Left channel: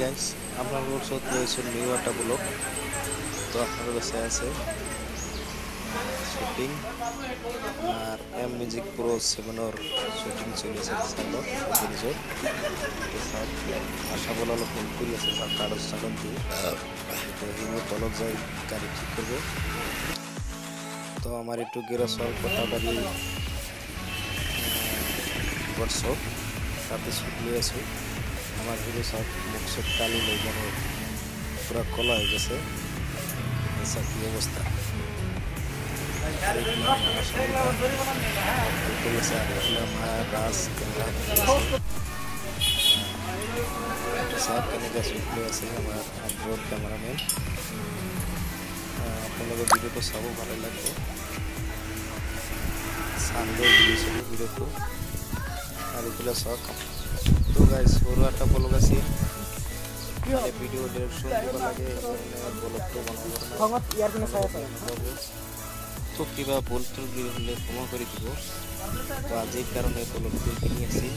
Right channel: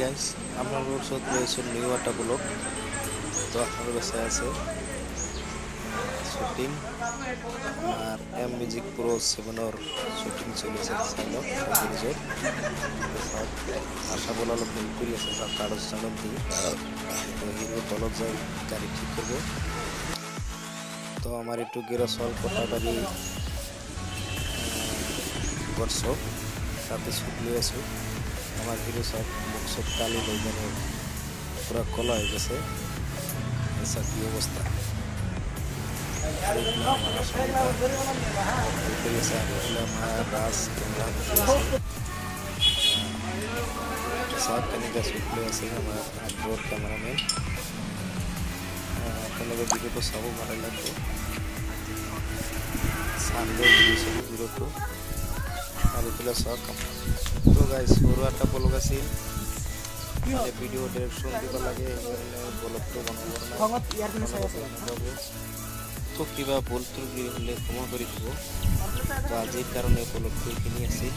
গাইস আপনাদের সাথ রয়েছে নিউ একটা ব্লগ। তো আপনাদের কাছে আছে শুটিং আর এম মিউজিক প্রো 7 এর শুটিং চলেছে সাইলো রিজোর্ট। তো সাথ আশা বলা লোক হেল্প করি আছে সাথ কাগজ চালন দিয়ে তো হিরো তলক যাই গাড়ি ঠিক করবে। তো আমার একটু গেরসল কোটাবাড়ি ওয়ার্কশপ তাতে শুট নিয়ে আসো। আমার হিরো সব মুখ সব কালি হয়ে গেল, পুরো কলা হয়ে গেছে। এসব কি অবস্থা। আর এগুলো আমার আসামটা হেল্প করেছে। আর এগুলো আমার রাজ ক্যামেরা সব কেনেকা শুট নিয়ে আছে আমার আগ্রহ ক্যামেরাম্যান। আপনাদের ভিডিওটা সবও ভালো লাগবে। সানডে ভিডিওটো আর এগুলো সব। তো গাইস ওর একটা ব্লগ আছে মানে ভিডিও ডিরেকশন দিবা লাগে এখানে ব্লগটো বানাবো না বাবু। তো কিবা ভুল ত্রুটি হলে ক্ষমা করে দিব। তো আজ এই কারণে ব্লগটো কিনে আসি।